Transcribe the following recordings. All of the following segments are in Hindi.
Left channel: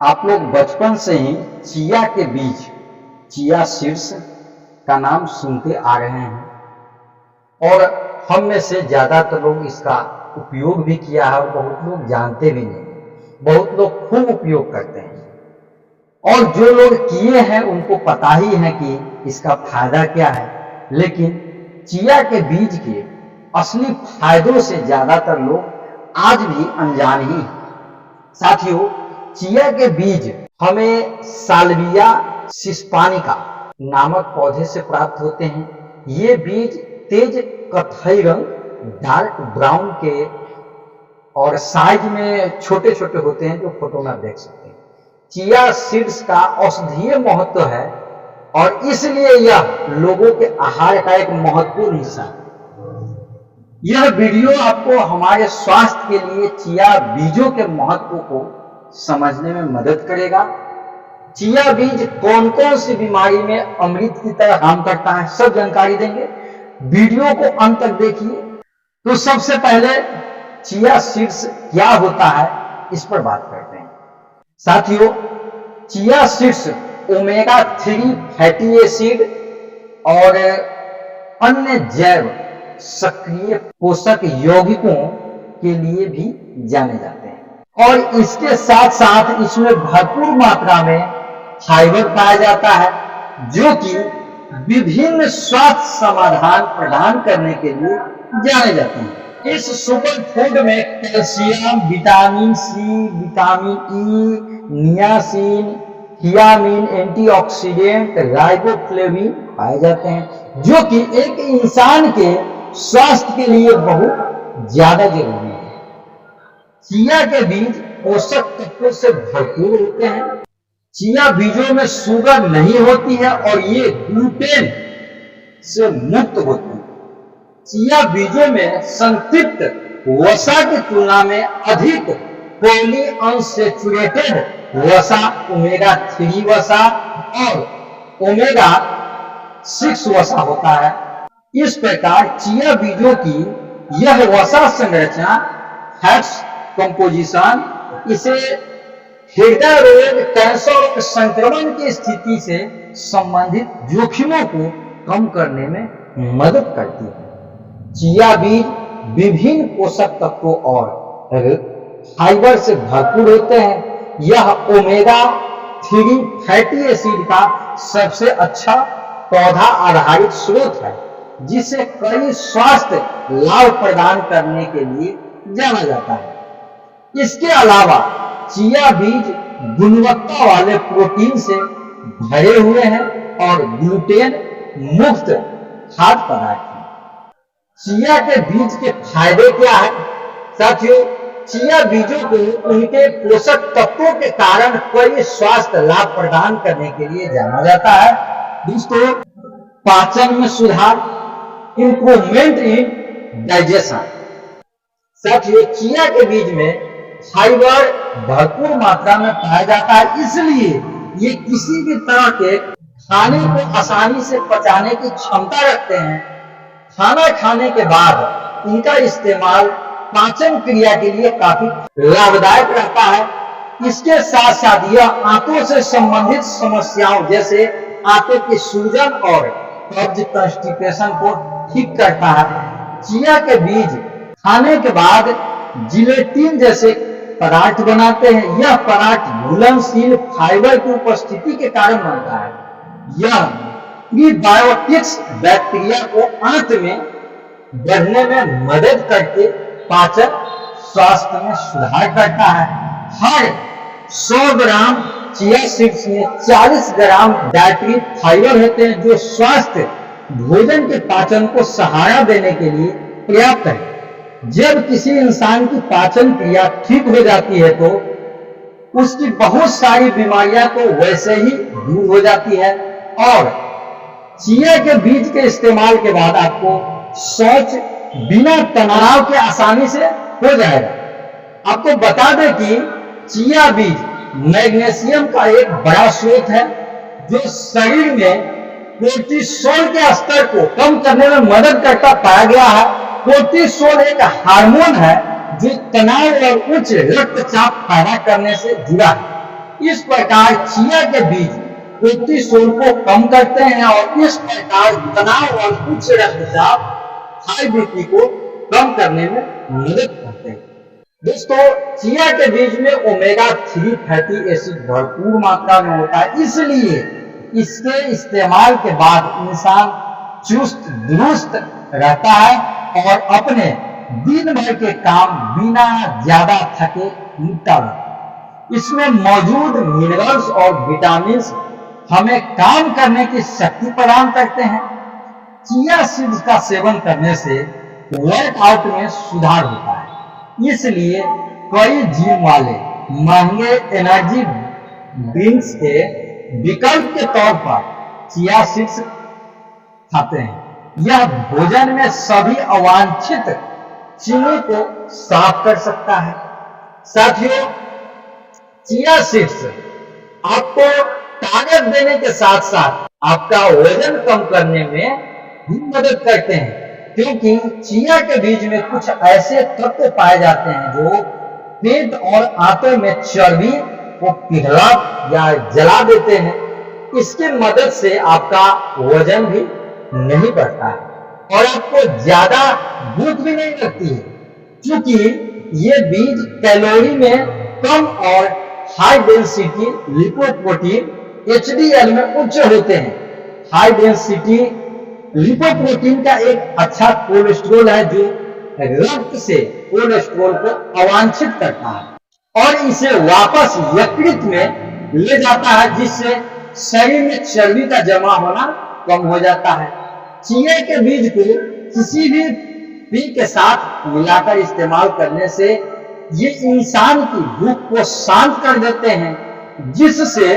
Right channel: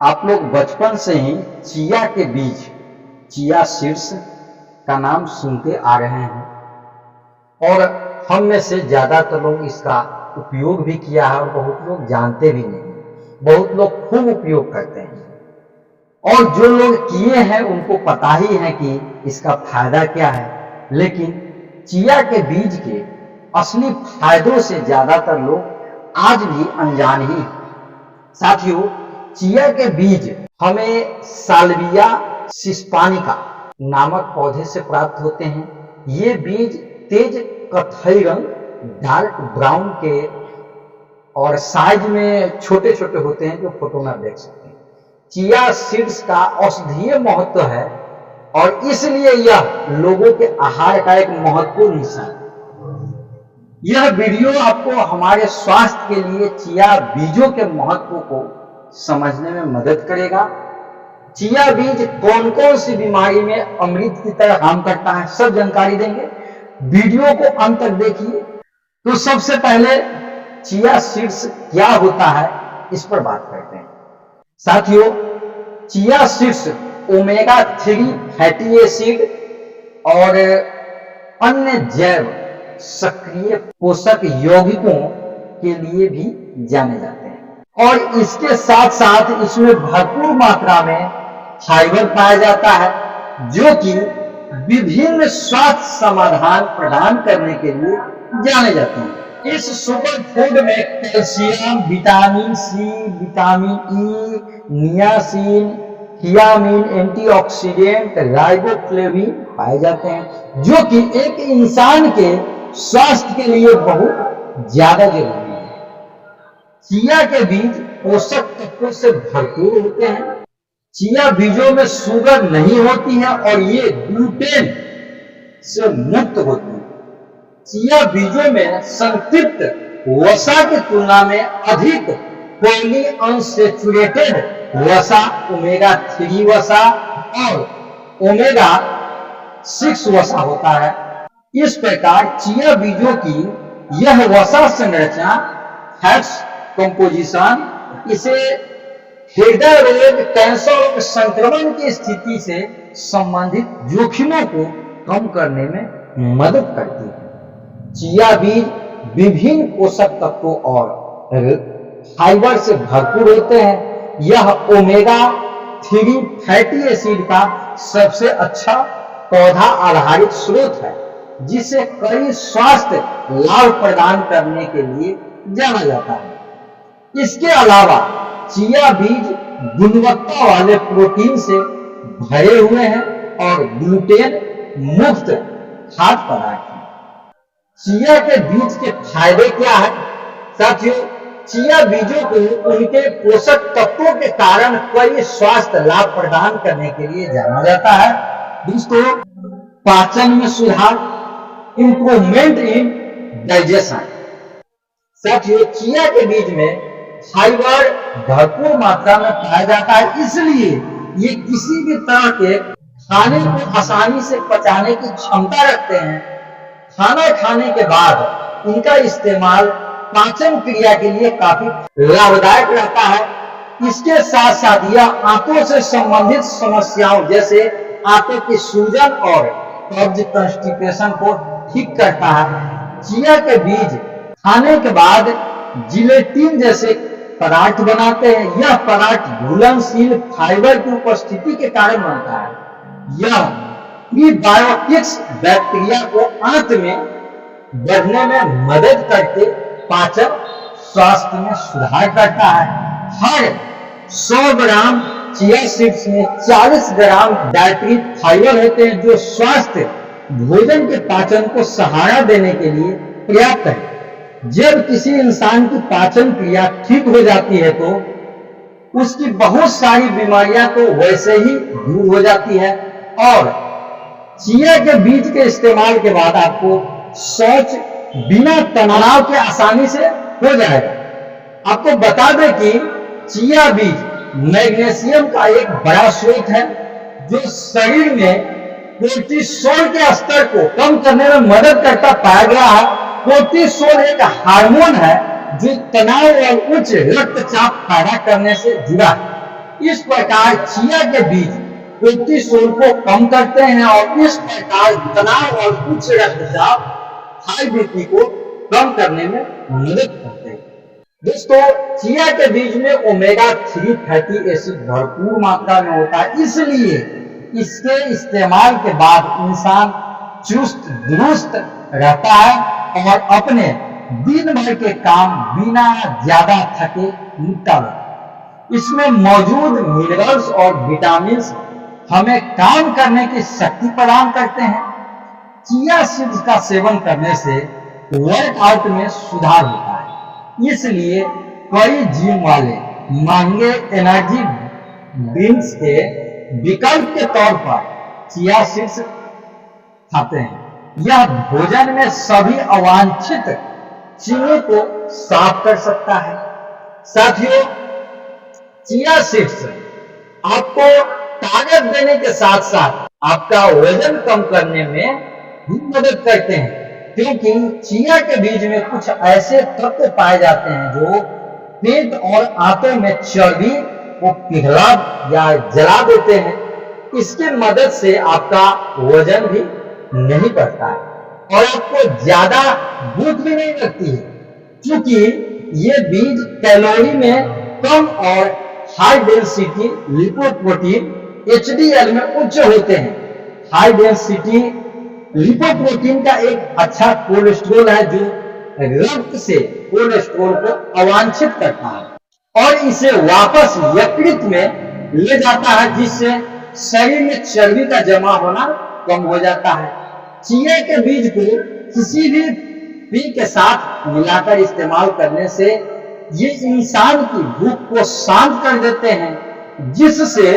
आप लोग बचपन से ही चिया के बीज, चिया सीड्स का नाम सुनते आ रहे हैं और हम में से ज्यादातर लोग इसका उपयोग भी किया है और बहुत लोग जानते भी नहीं, बहुत लोग खूब उपयोग करते हैं और जो लोग किए हैं उनको पता ही है कि इसका फायदा क्या है। लेकिन चिया के बीज के असली फायदों से ज्यादातर लोग आज भी अनजान ही हैं। साथियों, चिया के बीज हमें साल्विया सिस्पानिका नामक पौधे से प्राप्त होते हैं। ये बीज तेज कत्थई रंग, डार्क ब्राउन के और साइज में छोटे छोटे होते हैं, जो फोटो में आप देख सकते हैं। चिया सीड्स का औषधीय महत्व है और इसलिए यह लोगों के आहार का एक महत्वपूर्ण हिस्सा है। यह वीडियो आपको हमारे स्वास्थ्य के लिए चिया बीजों के महत्व को समझने में मदद करेगा। चिया बीज कौन कौन सी बीमारी में अमृत की तरह काम करता है, सब जानकारी देंगे। वीडियो को अंत तक देखिए। तो सबसे पहले चिया सीड्स क्या होता है, इस पर बात करते हैं। साथियों, chia seeds omega 3 fatty acid और अन्य जैव सक्रिय पोषक यौगिकों के लिए भी जाने जाते हैं और इसके साथ साथ इसमें भरपूर मात्रा में फाइबर पाया जाता है, जो कि विभिन्न स्वास्थ्य समाधान प्रदान करने के लिए जाने जाते हैं। इस सुपर फूड में calcium, vitamin C, vitamin E, niacin, thiamine, antioxidant, riboflavin पाए जाते हैं, जो कि एक इंसान के स्वास्थ्य के लिए बहुत ज्यादा जरूरी है। चिया के बीज पोषक तत्वों से भरपूर होते हैं। चिया बीजों में शुगर नहीं होती है और ये ग्लूटेन से मुक्त होती है। चिया बीजों में संतृप्त वसा की तुलना में अधिक पॉली अनसैचुरेटेड वसा, ओमेगा 3 वसा और ओमेगा 6 वसा होता है। इस प्रकार चिया बीजों की यह वसा संरचना, फैट्स कंपोजिशन, इसे हृदय रोग, कैंसर और संक्रमण की स्थिति से संबंधित जोखिमों को कम करने में मदद करती है। चिया बीज विभिन्न पोषक तत्वों और फाइबर से भरपूर होते हैं। यह ओमेगा 3 फैटी एसिड का सबसे अच्छा पौधा आधारित स्रोत है, जिसे कई स्वास्थ्य लाभ प्रदान करने के लिए जाना जाता है। इसके अलावा चिया बीज गुणवत्ता वाले प्रोटीन से भरे हुए हैं और ग्लूटेन मुक्त खाद्य पदार्थ हैं। चिया के बीज के फायदे क्या है? साथियों, चिया बीजों को उनके पोषक तत्वों के कारण कई स्वास्थ्य लाभ प्रदान करने के लिए जाना जाता है। दोस्तों, पाचन में सुधार, इंप्रूवमेंट इन डाइजेशन। साथियों, चिया के बीज में फाइबर भरपूर मात्रा में पाया जाता है, इसलिए ये किसी भी तरह के खाने को आसानी से पचाने की क्षमता रखते हैं। खाना खाने के बाद इनका इस्तेमाल पाचन क्रिया के लिए काफी लाभदायक रहता है। इसके साथ साथ यह आंतों से संबंधित समस्याओं जैसे आंतों की सूजन और कब्ज, कॉन्स्टिपेशन को ठीक करता है। चिया के बीज खाने के बाद जिलेटिन जैसे पदार्थ बनाते हैं। यह पदार्थ घुलनशील फाइबर की उपस्थिति के कारण बनता है। यह प्रीबायोटिक्स बैक्टीरिया को आंत में बढ़ने में मदद करके पाचन स्वास्थ्य में सुधार करता है। हर 100 ग्राम चिया सीड्स में 40 ग्राम डाइटरी फाइबर होते हैं, जो स्वास्थ्य भोजन के पाचन को सहारा देने के लिए पर्याप्त है। जब किसी इंसान की पाचन क्रिया ठीक हो जाती है तो उसकी बहुत सारी बीमारियां तो वैसे ही दूर हो जाती है और चिया के बीज के इस्तेमाल के बाद आपको शौच बिना तनाव के आसानी से हो जाएगा। आपको बता दें कि चिया बीज मैग्नीशियम का एक बड़ा स्रोत है, जो शरीर में कोर्टिसोल के स्तर को कम करने में मदद करता पाया गया है। कोर्टिसोल एक हार्मोन है जो तनाव और उच्च रक्तचाप पैदा करने से जुड़ा है। इस प्रकार चिया के बीज कोर्टिसोल को कम करते हैं और इस प्रकार तनाव और उच्च रक्तचाप हाई बीपी को कम करने में मदद करते हैं। दोस्तों, चिया के बीज में ओमेगा 3 फैटी एसिड भरपूर मात्रा में होता है, इसलिए इसके इस्तेमाल के बाद इंसान चुस्त दुरुस्त रहता है और अपने दिन भर के काम बिना ज्यादा थके निपटा लेता। इसमें मौजूद मिनरल्स और विटामिन हमें काम करने की शक्ति प्रदान करते हैं। चिया सीड्स का सेवन करने से वर्कआउट में सुधार होता है, इसलिए कई जिम वाले महंगे एनर्जी ड्रिंक्स के विकल्प के तौर पर चिया सीड्स खाते हैं। यह भोजन में सभी अवांछित चीनी को साफ कर सकता है। साथियों, चिया सीड्स आपको ताकत देने के साथ साथ आपका वजन कम करने में भी मदद करते हैं, क्योंकि चिया के बीज में कुछ ऐसे तत्व पाए जाते हैं जो पेट और आंतों में चर्बी को पिघला या जला देते हैं। इसकी मदद से आपका वजन भी नहीं बढ़ता है और आपको ज्यादा भूख भी नहीं लगती है, क्योंकि ये बीज कैलोरी में कम और हाई डेंसिटी लिपोप्रोटीन HDL में उच्च होते हैं। हाई डेंसिटी लिपोप्रोटीन का एक अच्छा कोलेस्ट्रॉल है जो रक्त से कोलेस्ट्रॉल को अवांछित करता है और इसे वापस यकृत में ले जाता है, जिससे शरीर में चर्बी का जमा होना कम हो जाता है। चिया के बीज को किसी भी पी के साथ मिलाकर इस्तेमाल करने से ये इंसान की भूख को शांत कर देते हैं, जिससे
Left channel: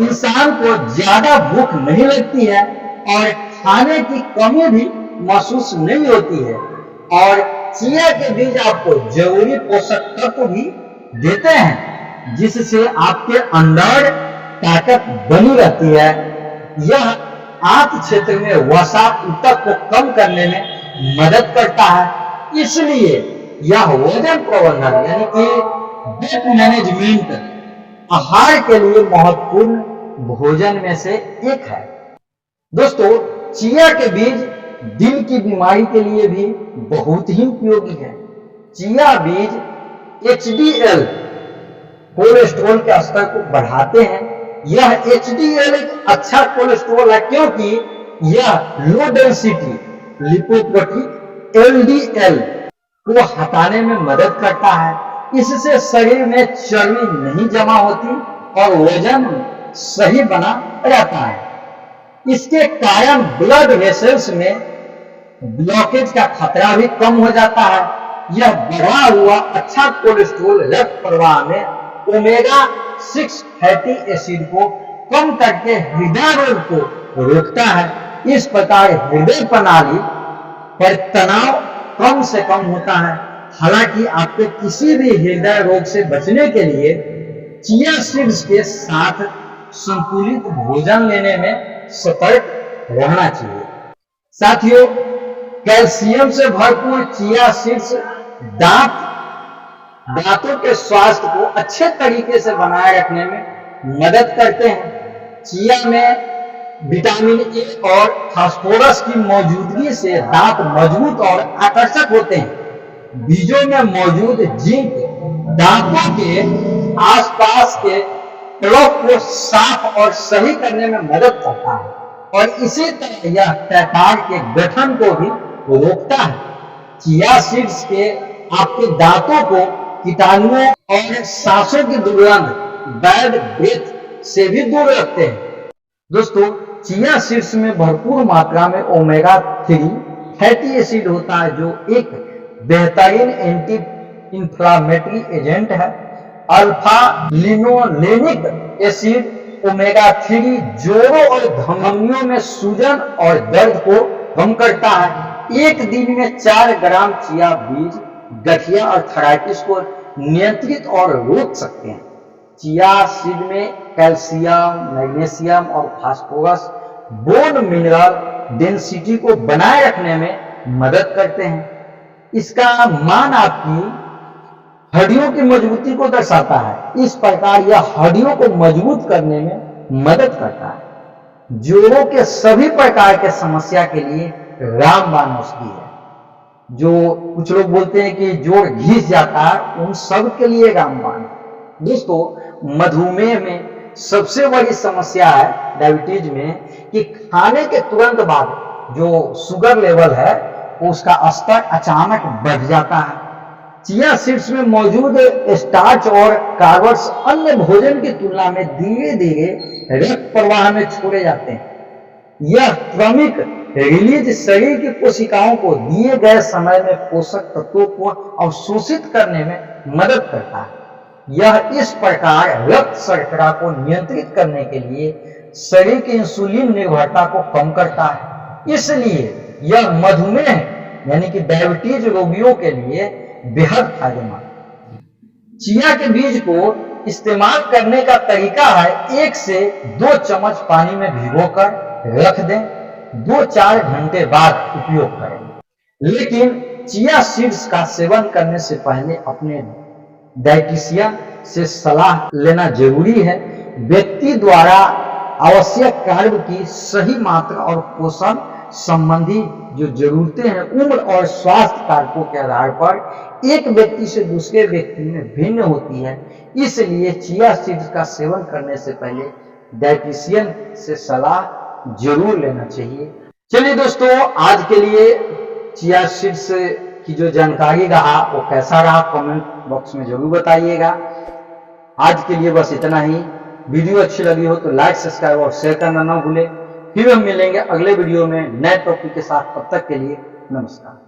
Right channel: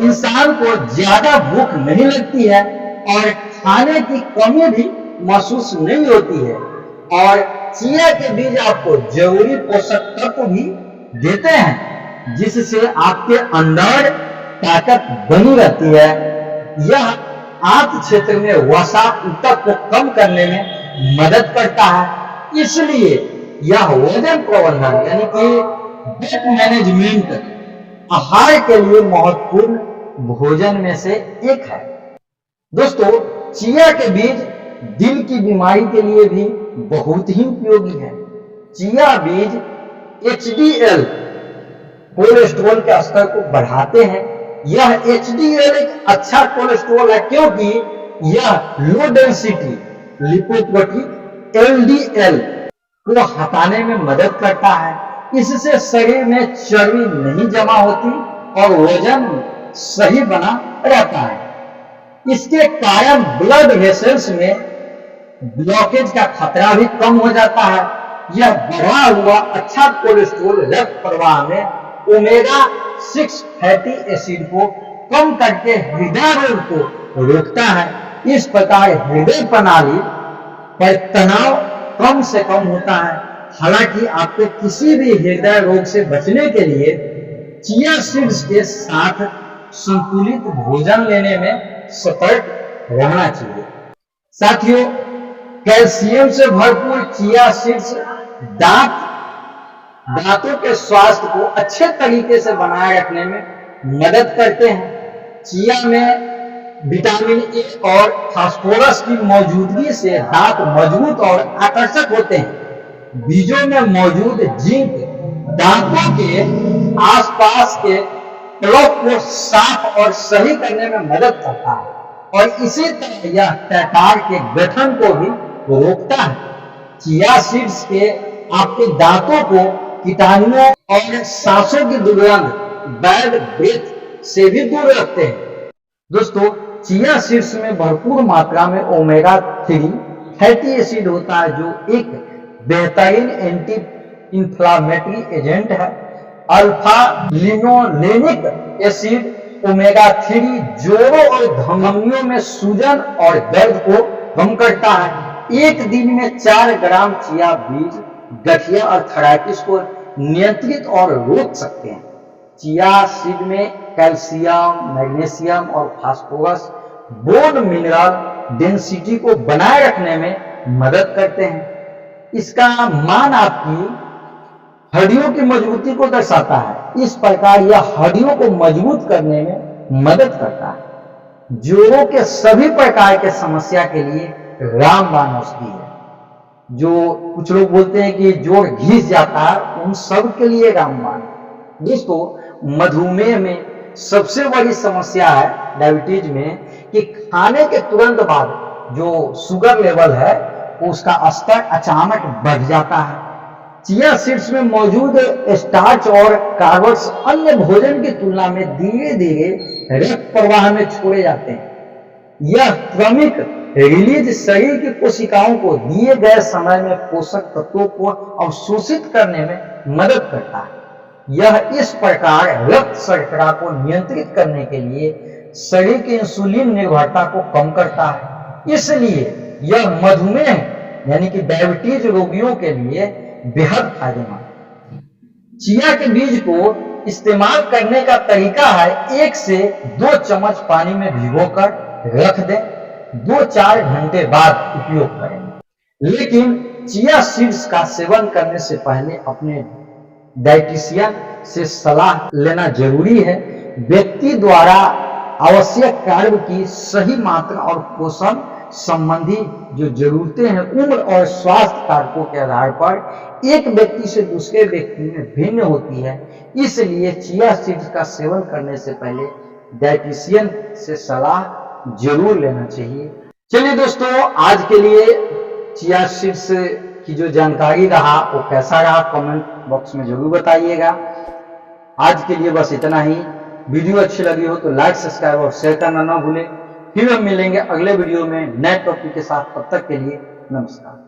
इंसान को ज्यादा भूख नहीं लगती है और खाने की कमी भी महसूस नहीं होती है। और चिया के बीज आपको जरूरी पोषक तत्व भी देते हैं, जिससे आपके अंदर ताकत बनी रहती है। यह आंत क्षेत्र में वसा ऊतक को कम करने में मदद करता है, इसलिए यह वजन प्रबंधन यानी कि वेट मैनेजमेंट आहार के लिए महत्वपूर्ण भोजन में से एक है। दोस्तों, चिया के बीज दिल की बीमारी के लिए भी बहुत ही उपयोगी है। चिया बीज HDL कोलेस्ट्रॉल के स्तर को बढ़ाते हैं। यह HDL एक अच्छा कोलेस्ट्रॉल है, क्योंकि यह लो डेंसिटी लिपोप्रोटीन LDL को हटाने में मदद करता है। इससे शरीर में चर्बी नहीं जमा होती और वजन सही बना रहता है। इसके कारण ब्लड वेसल्स में ब्लॉकेज का खतरा भी कम हो जाता है। यह बढ़ा हुआ अच्छा कोलेस्ट्रॉल रक्त प्रवाह में ओमेगा 6 फैटी एसिड को कम करके हृदय रोग को रोकता है। इस प्रकार हृदय प्रणाली पर तनाव कम से कम होता है। हालांकि आपको किसी भी हृदय रोग से बचने के लिए चिया सीड्स के साथ संतुलित भोजन लेने में सतर्क रहना चाहिए। साथियों, कैल्शियम से भरपूर चिया सीड्स दांतों के स्वास्थ्य को अच्छे तरीके से बनाए रखने में मदद करते हैं। चिया में विटामिन ए और फास्फोरस की मौजूदगी से दांत मजबूत और आकर्षक होते हैं। बीजों में मौजूद जिंक दांतों के आसपास के प्लग को साफ और सही करने में मदद करता है और इसी तरह यह टैकार के गठन को भी रोकता है। चिया सीड्स के आपके दांतों को कीटाणुओं और सांसों की दुर्गंध बैड ब्रेथ से भी दूर रखते हैं। दोस्तों, चिया सीड्स में भरपूर मात्रा में ओमेगा 3 फैटी एसिड होता है, जो एक बेहतरीन एंटी इंफ्लामेटरी एजेंट है। अल्फा लिनोलेनिक एसिड ओमेगा 3 जोड़ों और धमनियों में सूजन और दर्द को कम करता है। एक दिन में 4 ग्राम चिया बीज गठिया और थायराइटिस को नियंत्रित और रोक सकते हैं। चिया सीड में कैल्शियम, मैग्नीशियम और फास्फोरस बोन मिनरल डेंसिटी को बनाए रखने में मदद करते हैं। इसका मान आपकी हड्डियों की मजबूती को दर्शाता है। इस प्रकार यह हड्डियों को मजबूत करने में मदद करता है। जोड़ों के सभी प्रकार के समस्या के लिए रामबाण औषधि है। जो कुछ लोग बोलते हैं कि जोड़ घिस जाता है, उन सब के लिए रामबाण है। दोस्तों, मधुमेह में सबसे बड़ी समस्या है डायबिटीज में कि खाने के तुरंत बाद जो शुगर लेवल है उसका स्तर अचानक बढ़ जाता है। चिया सीड्स में मौजूद स्टार्च और कार्ब्स अन्य भोजन की तुलना में धीरे धीरे रक्त प्रवाह में छोड़े जाते हैं। यह क्रमिक रिलीज शरीर की कोशिकाओं को दिए गए समय में पोषक तत्वों को अवशोषित करने में मदद करता है। यह इस प्रकार रक्त शर्करा को नियंत्रित करने के लिए शरीर की इंसुलिन निर्भरता को कम करता है। इसलिए यह मधुमेह यानी कि डायबिटीज रोगियों के लिए बेहद फायदेमंद। चिया के बीज को इस्तेमाल करने का तरीका है 1 से 2 चम्मच पानी में भिगोकर रख दें, 2-4 घंटे बाद उपयोग करें। लेकिन चिया सीड्स का सेवन करने से पहले अपने डाइटिशियन से सलाह लेना जरूरी है। व्यक्ति द्वारा आवश्यक कार्ब की सही मात्रा और पोषण संबंधी जो जरूरतें हैं उम्र और स्वास्थ्य कारकों के आधार पर एक व्यक्ति से दूसरे व्यक्ति में भिन्न होती है। इसलिए चिया सीड्स का सेवन करने से पहले डाइटिशियन से सलाह जरूर लेना चाहिए। चलिए दोस्तों, आज के लिए चिया सीड्स की जो जानकारी रहा वो कैसा रहा कमेंट बॉक्स में जरूर बताइएगा। आज के लिए बस इतना ही। वीडियो अच्छी लगी हो तो लाइक, सब्सक्राइब और शेयर करना ना भूलें। फिर हम मिलेंगे अगले वीडियो में नए टॉपिक के साथ। तब तक के लिए नमस्कार।